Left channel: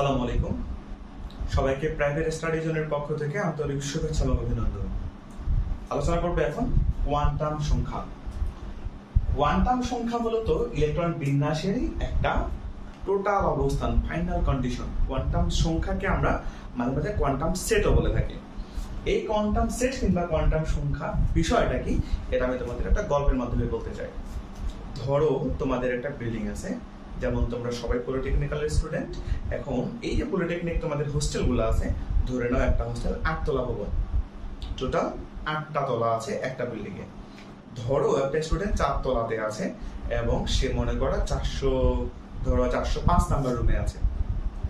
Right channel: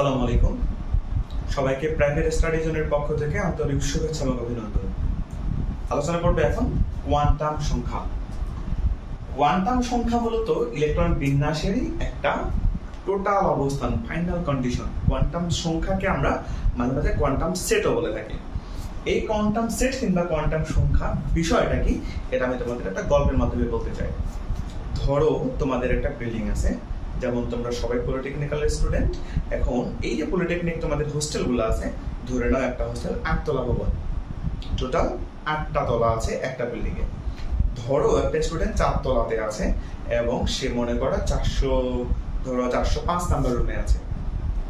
সালাম আলাইকুম। সবাইকে প্রাইভেট স্টাডি জোনের পক্ষ থেকে আন্তরিক শুভেচ্ছা এবং অভিনন্দন। আলোচনা করবে এখন কোয়ান্টাম সংখ্যা। কোয়ান্টাম সংখ্যা মূলত ইলেকট্রন বিন্যাসেরই একটা টোটাল অবস্থান, ফাইনাল কন্ডিশন। কোয়ান্টাম সংখ্যাকে আমরা মাঝে মাঝে কোয়ান্টাম সেটও বলে থাকি। এই কোয়ান্টাম সেট কিংবা কোয়ান্টাম সংখ্যা বিষয়টা কি, এটা আমি তোমাদের একটা গল্পের মাধ্যমে বলতে চাই। ধরো তোমাদের একটা বিল্ডিং আছে যেমন তোমরা সবাই পলিটেকনিক্যালের স্টুডেন্ট এখন এই যে পলিটেকনিক তোমাদের হোস্টেলগুলো আছে, ধরে নাও একটা হোস্টেল আটতলা ভবন। টোটাল আটটা তলা আছে একটা বিল্ডিং এ। ধরো একটা স্টুডেন্ট চার তলাতে আছে এবং সে মনে করো চারশো, ধরো চারশো পাঁচ নাম্বার রুমে আছে।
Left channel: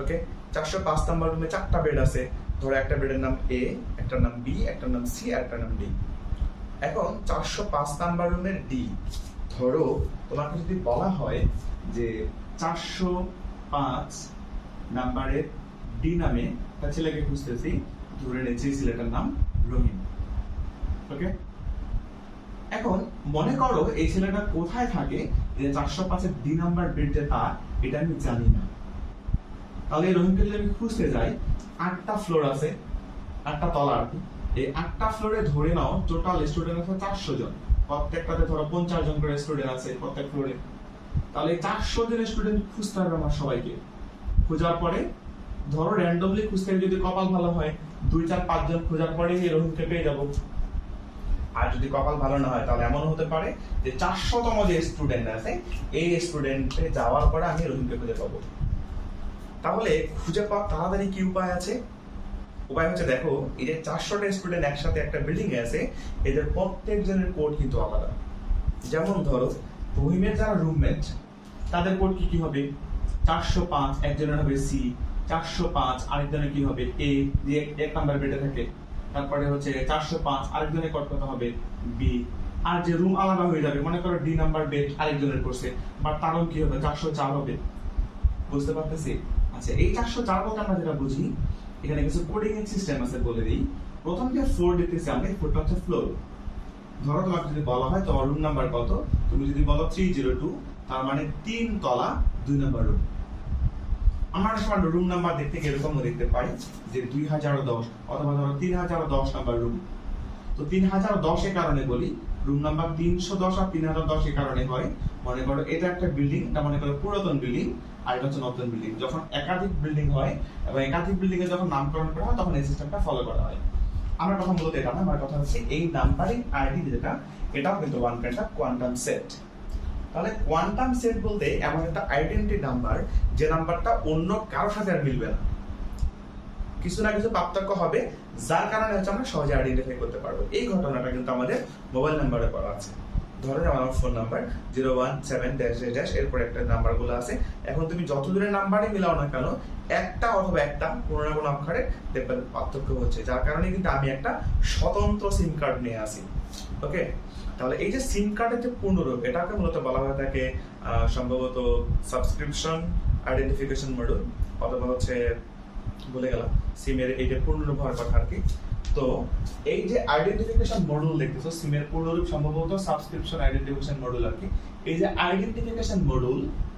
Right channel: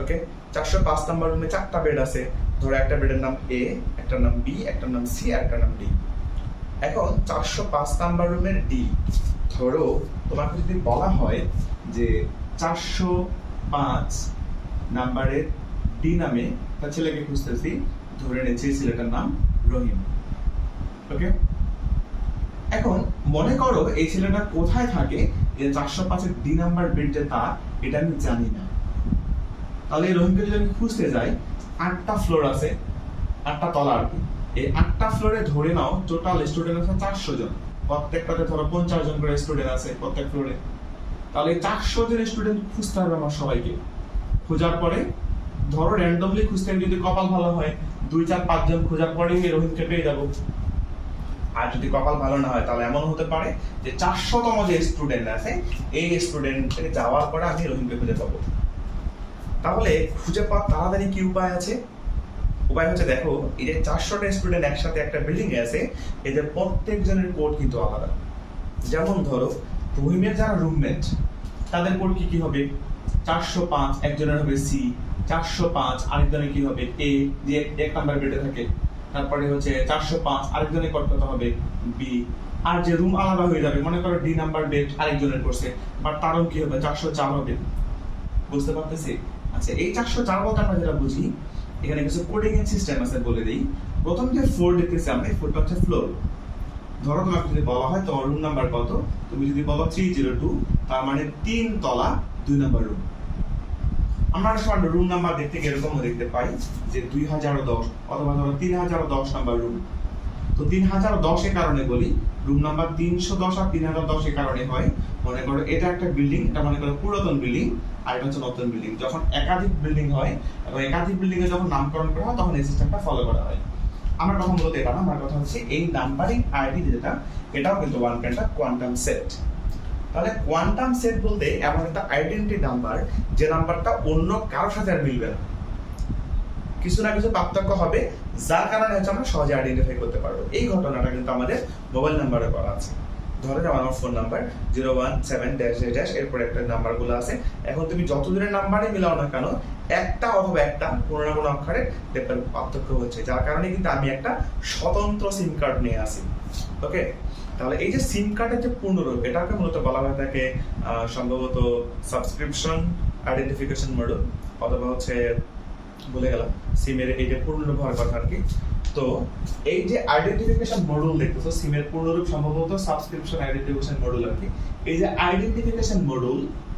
ওকে চারশো পাঁচ নাম্বার রুমে চারটা বেড আছে। ধরো একটা বেডের নাম এ একটা নাম বি একটার নাম সি আর একটার নাম ডি এখন চারশো পাঁচ নাম্বার রুমের ডি ধরো তোমাকে যদি বলা হয় যে চারশো পাঁচ নাম্বারের ডি নামে একটা ছেলেকে খুঁজতেছি। ধরে নিয়েছি ছেলেটার নাম রহিম। ওকে? এখন মনে করো এই ছেলেটা কোথায় থাকে, এই চারশো পাঁচের ডি নাম্বার বেড যে তার, এটা আমি জানি না। তাহলে এই রহিমকে যদি আমি খুঁজতে যাই, আটটা ফ্লোর আছে, আটটা তলা আর কি। এই আটটা ফ্লোরে ধরে নাও টোটাল স্টুডেন্ট আছে চারশো জন। প্রত্যেকটাতে ধরো পঞ্চাশ জন করে স্টুডেন্ট আছে, প্রত্যেক ফ্লোরে তাহলে চারশো জন স্টুডেন্ট খুঁজতে হবে আমার সবাইকে। খোঁজার পরে, ধরো র্যান্ডমলি খুঁজতে যদি কপাল ভালো হয়, দুই চার পাঁচজন খোঁজার পরে রোহিতকে পেয়ে যাব। আর যদি কপাল ভালো না হয়, তাহলে এমন হতে পারে যে চারশোতম যে স্টুডেন্ট আছে, এই স্টুডেন্টে যাওয়ার পরে আমি রহিমকে খুঁজে পাবো। তাহলে খুঁজে পাওয়ার তাড়াতাড়ি কি উপায় আছে? উপায় হচ্ছে দেখো, এই যে চারশোটা স্টুডেন্ট একসাথে একটা বিল্ডিং এ আছে, এদের প্রত্যেকজনের কোড কিন্তু আলাদা। যেমন ধরো রহিমের যারা রুমমেট তাদের কোড কি কি হবে? চারশো পাঁচ, একজনের হবে সি চারশো পাঁচ, আরেকজনের কি হবে এ যে এক নাম্বার বেডে থাকে। তারপরে হচ্ছে চারশো পাঁচ, আরেকজনের কোড কত হবে? বি আর যে রুম আলাদা হয়ে যাবে, মনে করো ডি নাম্বার বেড আরেকজনের করছে বাট তারও কি হবে? চারশো চার হবে। বুঝতে পারতেছি? আচ্ছা এই চারশো চার বলতে আমরা যেটা বুঝি, এখানে কিছু কোডিং সিস্টেম আছে বলে দিই। প্রথম যে ফ্লোর দেখতেছি আমরা, এই ফ্লোরটা হচ্ছে ফ্লোর ধরো তোমাকে যদি বলা হয় তোমার রুম নাম্বার কত? তুমি যদি বলো থ্রি জিরো টু তার মানে তিন তলা, দুই নাম্বার রুম আমরা সময় রুম নাম্বার দেখতে গিয়ে এরকমও দেখতে পাই যে দুই হাজার দশ অথবা ধরো তিন হাজার দশ নাম্বার রুম তো তিন হাজার দশ দশের কারণে বলি রুম নাম্বার তিনশো দশ আর তিন হাজার দশ দশের কারণে হয়। মনে করো এটা একটা বিল্ডিং এটা মনে করো পুরাতন বিল্ডিং আর এটা হচ্ছে নতুন বিল্ডিং যখন একাধিক বিল্ডিং হয় এবং একাধিক বিল্ডিং এ যখন নামকরণ করা হয়, তখন এই সিস্টেমটা ফলো করা হয়। আমার কথা মূলত এটা না, আমার কথা হচ্ছে এই নাম্বারিং আইডি যেটা, এটাও কিন্তু one kind of quantum set তাহলে কোয়ান্টাম সেট বলতে এমন একটা আইডেন্টি নাম্বার যে নাম্বারটা অন্য কারোর সাথে আর মিলবে না। কিছু না কিছু পার্থক্য হবে, যার কারণে হচ্ছে আমরা সহজে আইডেন্টিফাই করতে পারব। এই ঘটনাটা কিন্তু আমাদের মোবাইল নাম্বারে করা আছে। ধরো যেমন আমার phone number zero one seven dash dash এরপর একটা নাম্বারগুলো আছে। এখন তুমি যত দূরের নাম্বারে মিলাও না কেন, একটা অথবা একটা কোনো না কোনো অক্ষরে দেখবেন পার্থক্য হচ্ছে। যার কারণে কিন্তু আমি একটা স্বতন্ত্র সিম কার্ড নিয়ে আসি। ওকে তাহলে এই যে সিম কার্ডের যে পূর্ণরূপ, এটাকে মূলত বলা হয়ে থাকে সম্ভবত সাবস্ক্রিপশন আইডেন্টিফিকেশন মডেল অথবা হচ্ছে বলে গেলাম, সিমের এই যে পূর্ণরূপ হওয়ার কথা আর কি। তো এই যে আইডেন্টিফিকেশন মডেল দেখতেছো, সিমের পূর্ণরূপ সম্ভবত সাবস্ক্রিপশন আইডেন্টিফিকেশন মডেল আর কি। এই যে আইডেন্টিফিকেশন মডেল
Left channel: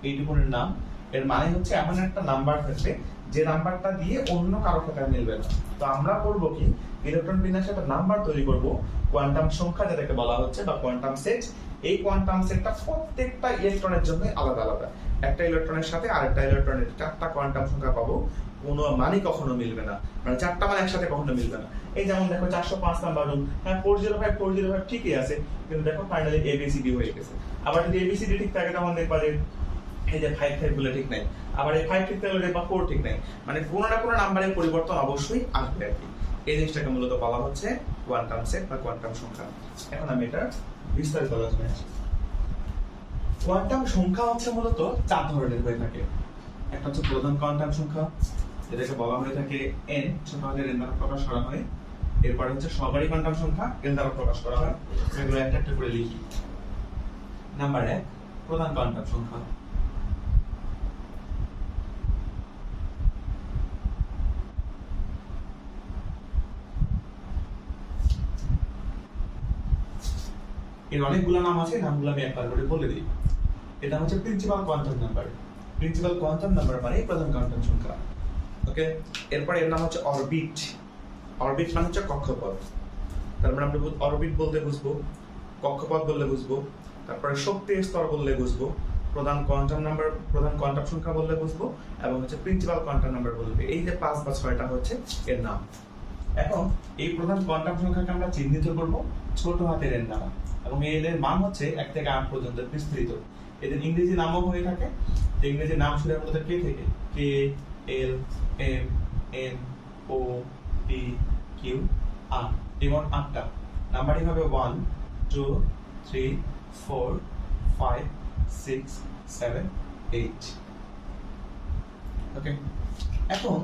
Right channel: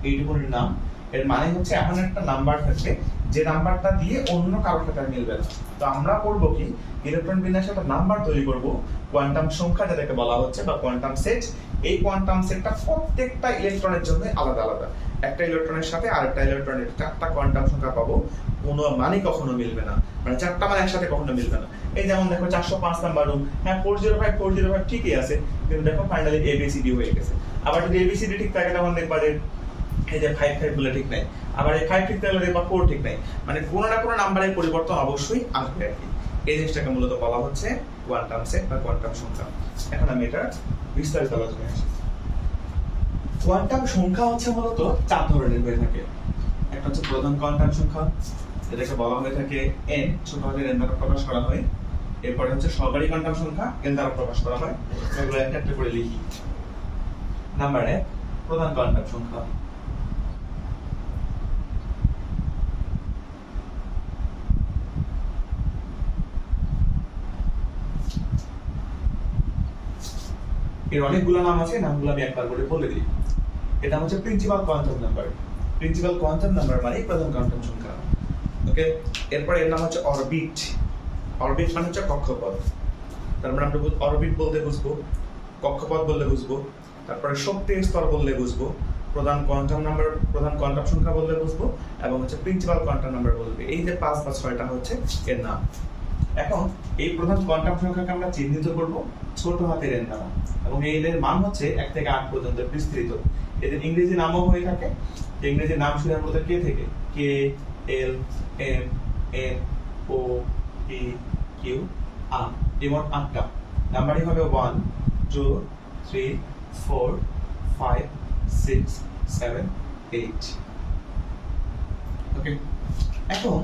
এইটুকুনের নাম, এর মানে হচ্ছে এমন একটা নাম্বার থাকবে, যে নাম্বারটা দিয়ে অন্য কারোর সাথে মিলবে না। তো আমরা করব কি ইলেকট্রন বিন্যাসে একটা নাম্বার তৈরি করব কোয়ান্টাম সংখ্যা যেটাকে বলা হচ্ছে বা কোয়ান্টাম সেট এই কোয়ান্টাম সেটটা প্রত্যেকটা ইলেকট্রনের জন্য আলাদা আলাদা। একটা ইলেকট্রনের সাথে আরেকটা ইলেকট্রনের চারটা কোয়ান্টাম সংখ্যা পাবো। কোনো মানই কখনো মিলবে না। মানে চারটা মান একসাথে কখনো মিলবে না। এই যেমন দেখো চারশো পাঁচ নাম্বার রুম হ্যাঁ four zero five four zero five ঠিকই আছে, কিন্তু দেখো ফাইনালি এবিসিডি হয়ে গেছে। আবার যদি এবিসিডি ঠিক থাকে, তখন দেখবা যে এই যে ফাইভ ফাইভ বলে ঠিক নাই। আবার এই ফাইভ ঠিক থাকলে দেখবা ফোর ঠিক নাই। মানে কোনো না কোনো নাম্বারের পরিবর্তন অবশ্যই আসবে আর কি। এই জিনিসটাকে মূলত বলা হচ্ছে কোয়ান্টাম সেট বা কোয়ান্টাম সংখ্যা। এখন আমি এটা বিস্তারিত আলোচনায় আসি কোয়ান্টাম সংখ্যা হচ্ছে মূলত চার ধরনের হয়ে থাকে। একটা হচ্ছে প্রধান কোয়ান্টাম সংখ্যা যেটাকে বলা হয়ে থাকে এন ছোট হাতের এন দ্বারা প্রকাশ করা হয়। এরপরে হচ্ছে সহকারী কোয়ান্টাম সংখ্যা এন দ্বারা প্রকাশ করা হয়। এগুলো একটা একটা করে লিখি। নাম্বার এক, প্রধান কোয়ান্টাম সংখ্যা। এর অনেকগুলো নাম আছে, নামগুলো আমি একবার করে বলে দিই। এটা হচ্ছে principal quantum number principal quantum number মানে প্রধান কোয়ান্টাম সংখ্যা। ওকে এরপর এর নাম হচ্ছে অরবিট অরবিট মানে হচ্ছে কক্ষপথ। তার মানে আমরা অরবিট বলতে বুঝব, কক্ষপথ বললে বুঝব, তারপরে শক্তির স্তর বললে বুঝব, প্রধান কোয়ান্টাম নাম্বার প্রধান কোয়ান্টাম সংখ্যা বললে বুঝব, এবং হচ্ছে প্রিন্সিপাল কোয়ান্টাম নাম্বার বলবে এই যে পাঁচ বা ছয়টা হচ্ছে এর নাম। এখন এই প্রধান কোয়ান্টাম সংখ্যাকে আমরা চিহ্নিত করব ছোট হাতের এর দ্বারা এবং এই এর মান হচ্ছে এক থেকে আট পর্যন্ত বিস্তৃত। এদের ইংরেজি নামও হয়ে থাকে। ইংরেজি নাম হয় মূলত কে থেকে? K? L M N O P Q R যেমন আটটা। নাম্বারিং হবে one two three four five six seven eight okay এখন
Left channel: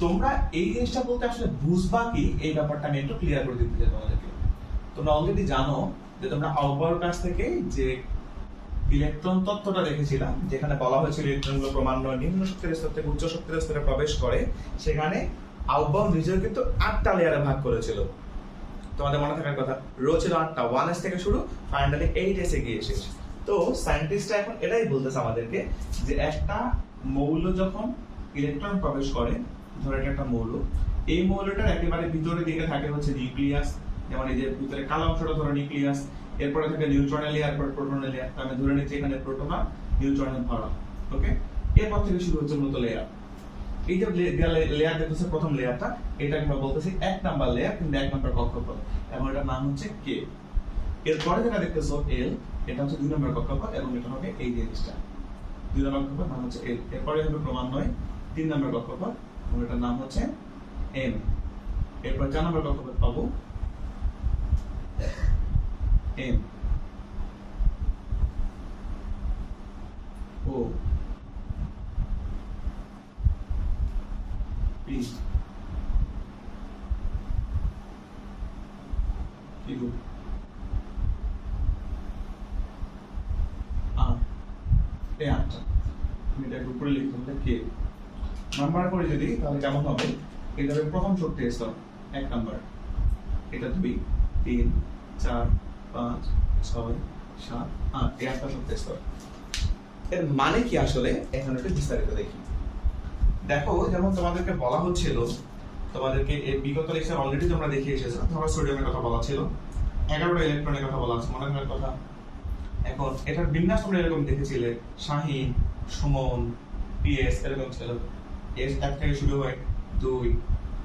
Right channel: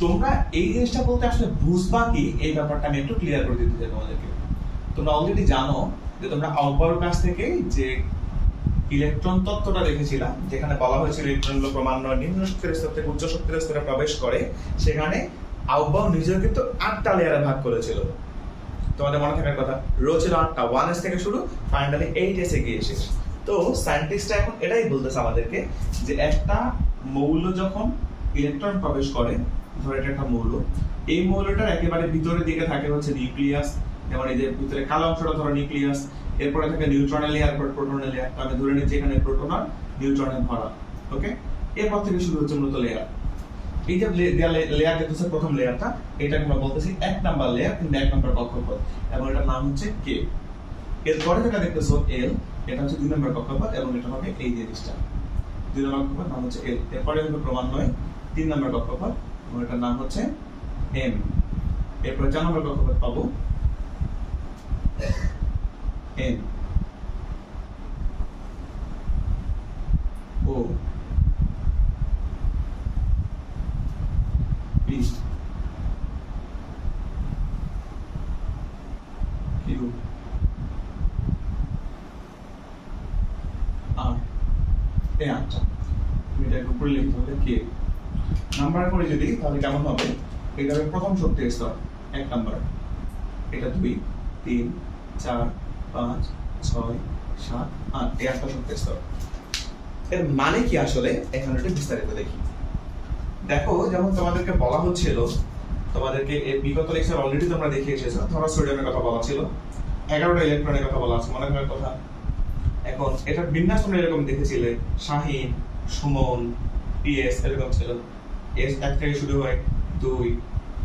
তোমরা এই জিনিসটা বলতে আসলে বুঝবা কি? এই ব্যাপারটা আমি একটু ক্লিয়ার করে দিতে চাই তোমাদেরকে। তোমরা অলরেডি জানো যে তোমরা আউটবাউর কাছ থেকে যে ইলেকট্রন তত্ত্বটা দেখেছিলাম, যেখানে বলা হয়েছিল ইলেকট্রনগুলো ক্রমান্বয়ে নিম্ন শক্তির স্তর থেকে উচ্চ শক্তির স্তরে প্রবেশ করে। সেখানে আউটবাউ নিজেও কিন্তু আটটা লেয়ারে ভাগ করেছিল। তোমাদের মনে থাকার কথা, রো ছিল আটটা ওয়ান এস থেকে শুরু ফাইনালি এইট এসে গিয়ে শেষ। তো সায়েন্টিস্টরা এখন এটাই বলতেছে আমাদেরকে যে একটা মৌল যখন ইলেকট্রন প্রবেশ করে, ধরো এটা একটা মৌল, এই মৌলটার একেবারে ভিতরের দিকে থাকে হচ্ছে নিউক্লিয়াস, যেমন এই যে ভিতরে কালো অংশটা ধরো নিউক্লিয়াস এরপরে থাকে নিউট্রনের লেয়ার পর প্রোটনের লেয়ার আমি ধরে নিচ্ছি এখানে প্রোটন আর নিউট্রনের ভরা ওকে এরপর থেকে শুরু হচ্ছে মূলত লেয়ার এই যে লেয়ার দেখতেছে প্রথম লেয়ারটা এটাকে আমরা বলতেছি এক নাম্বার লেয়ার কিন্তু এক নাম্বার কক্ষপথ, এবং এটার নাম হচ্ছে কে এরপরে যেটা দেখতেছো এল এটা হচ্ছে দুই নম্বর কক্ষপথ এবং এটা হবে এই জিনিসটা। দুই নম্বর কক্ষপথ নাম হচ্ছে এল এরপরে হবে ক্রমান্বয়ে তিন নম্বর কক্ষপথ এবং এটার নাম হচ্ছে এম এরপর চার নম্বর কক্ষপথ পাবো। এম ও পি কিউ এই আটটা তুমি এটাকে উপরে লিখতে হবে কে নাম্বার করে যদি, তাহলে কেমন হবে? এটা প্রথম শক্তির স্তর, এক নাম্বার এটা দুই, তিন, চার পাঁচ, ছয়, সাত, আট, এই আটটা শক্তির স্তর এর মানে কি আসলে? এখানে একটু বিস্তারিত দেখি। দেখো, যেমন তোমাদেরকে বলা হচ্ছিল, তোমাদেরকে বিগত লেকচার অলরেডি তোমরা দেখে এসেছ, ধরো সোডিয়ামের কথা বলা ছিল, এগারোটা ইলেকট্রনের কথা বলা আছে, মনে করার কথা। এখন এটার বিন্যাস তোমরা এরকম দেখেছিলে, শাহিন, সুমন, পিএস, এরকম ছিল। এস এক থেকে শুরু হয় দুই,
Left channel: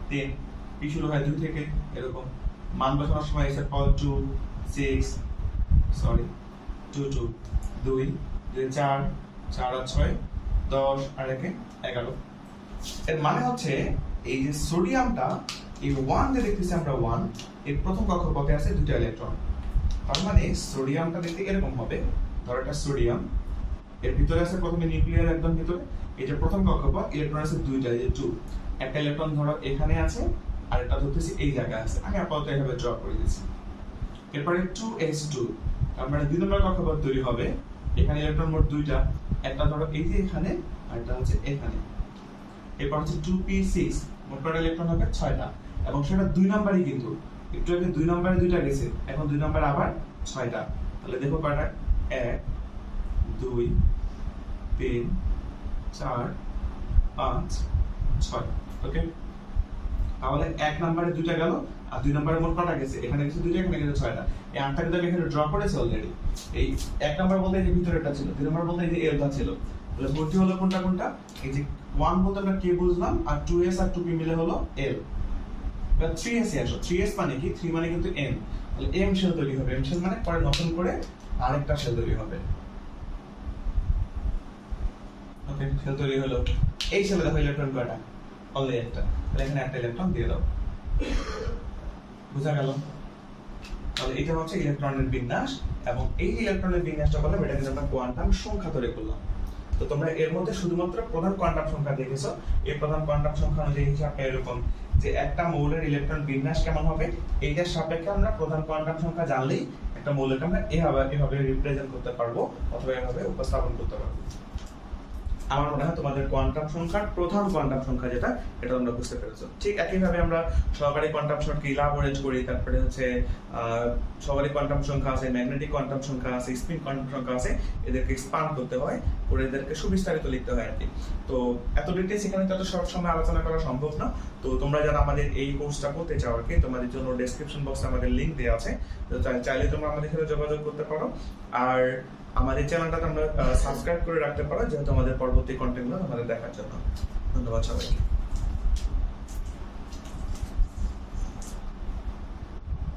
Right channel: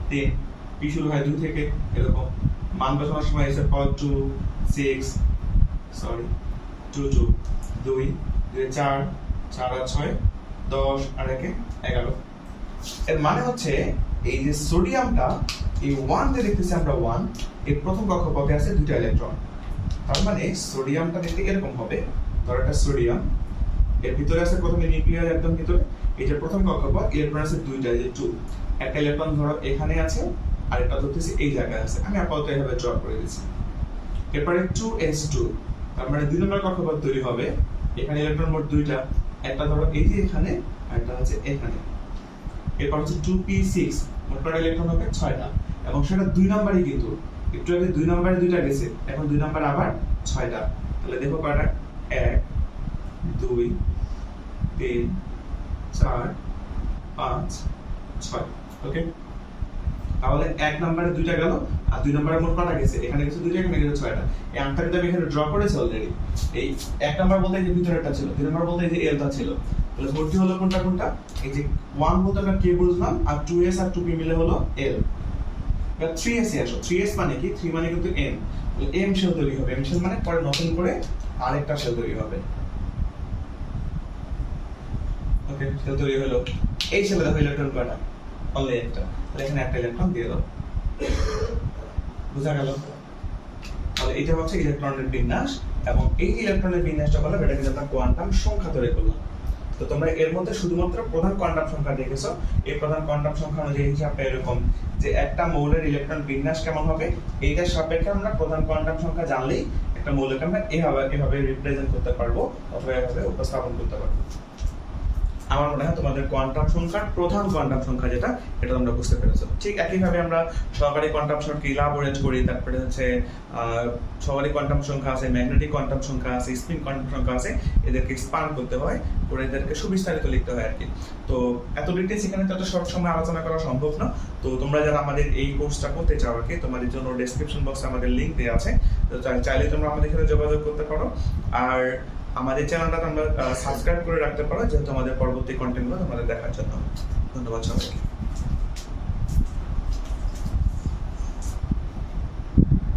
তিন, পি শুরু হয় দুই থেকে, এরকম। মান বসানোর সময় এস এর power two six sorry two two দুই দুই, চার চার আর ছয়, দশ, আর একে এগারো। এর মানে হচ্ছে এই যে সোডিয়ামটা, এই ওয়ান যে দেখতেছি আমরা ওয়ান এই প্রথম কক্ষপথে আছে দুটো ইলেকট্রন তার মানে সোডিয়ামটা দেখতে এরকম হবে। ধরো এটা সোডিয়াম, এর ভিতরে আছে প্রথমে নিউক্লিয়ার, একদম ভিতরে। যে প্রথম কক্ষপথ ইলেকট্রন আছে দুইটা যে টু একটা ইলেকট্রন ধরো এখানে আছে আর এটা ধরতেছি এই জায়গায় আছে। আমি আপাতত এভাবে ড্র করে দিচ্ছি। এরপরে টু এস টু তার মানে দুই নম্বর কক্ষপথ তৈরি হবে। এখানে ইলেকট্রন মোট দুইটা। একটা ধরো এই যে এখানে, আর একটা হচ্ছে এখানে। এরপর হচ্ছে টু পি সিক্স মোট কটা ইলেকট্রন হবে? ছয়টা। এবং সেটা দুই নাম্বারই কিন্তু। একটু আগে দুই নম্বরে দুইটা গেছে। এখন দুই নাম্বার আবার ছয়টা। তাহলে দেখো কয়টা? এক, দুই, তিন, চার, পাঁচ, ছয়। ওকে তাহলে এক নম্বরে দুইটা গেল। আর দুই নম্বরে মোট কটা গেছে? এখানে গেছে দুইটা, এখানে গেছে ছয়টা। এই আটটা কিন্তু আমি এখানে ড্র করেছি অলরেডি এই এক নম্বর বলতে যে ভিতরেরটা ছিল, দুই নম্বর বলতে যে এলটা ছিল। তাহলে ভর্তি হলো কোনটা কোনটা? এই যে ওয়ান বলতে আমরা কে বুঝলাম, আর টু এস আর টু পি মিলে হলো এল এবার থ্রি এস এ থ্রি এস মানে কি? থ্রি মানে কিন্তু এম তাহলে এম শেল তৈরি হবে। এম শেল মানে পরে নতুন করে আরেকটা শেল তৈরি হবে। ওকে শেল তৈরি হলো। এই শেলে দেখো ইলেকট্রন কয়টা? অনলি একটা। তাহলে এখানে একটা ইলেকট্রন দিয়ে দাও। বোঝা গেল? তাহলে এটা হচ্ছে ইলেকট্রনের বিন্যাস এবং এই ইলেকট্রনের বিন্যাসটা করলাম এটা কিন্তু আমরা কোয়ান্টাম সংখ্যা তৈরি করলাম। তো তোমরা এর মধ্যে শুধুমাত্র প্রধান কোয়ান্টাম সংখ্যা দেখেছ। এই প্রধান কোয়ান্টাম সংখ্যা অনুযায়ী হিসাবে এরকম যে একটা মৌলের ইলেকট্রন বিন্যাস কেমন হবে? এইটার সাপেক্ষে আমরা প্রধান কোয়ান্টাম সংখ্যা জানলেই একটা মৌলকে আমরা এভাবে এভাবে রিপ্রেজেন্ট করতে পারব অথবা এভাবে উপস্থাপন করতে পারব। আমার মনে হয় তোমাদের কোয়ান্টাম সংখ্যার প্রধান কোয়ান্টাম সংখ্যা যেটা, এটা তোমরা বুঝতে পেরেছ। ঠিক একইভাবে আমরা সহকারী কোয়ান্টাম সংখ্যা ইলাবোরেট করি, তারপরে হচ্ছে সহকারী কোয়ান্টাম সংখ্যা আছে ম্যাগনেটিক কোয়ান্টাম সংখ্যা আছে স্পিন কোয়ান্টাম সংখ্যা আছে, এদেরকে এক্সপান্ড করতে হয়, করে এদেরকে সুবিস্তারিত লিখতে হয় আর কি তো এত ডিটেলস এখানে তত শর্ট সময় আলোচনা করা সম্ভব না। তো তোমরা যারা আমাদের এই কোর্সটা করতে চাও আর কি তোমাদের জন্য ডেসক্রিপশন বক্সে আমাদের লিংক দেওয়া আছে। তো চাইলে তোমরা আমাদের সাথে যোগাযোগ করতে পারো। আর আমাদের চ্যানেলটা তোমরা সাবস্ক্রাইব করে রাখতে পারো, যেহেতু আমাদের পরবর্তী কন্টেন্টগুলো তোমাদের দেখার জন্য। ধন্যবাদ সবাইকে।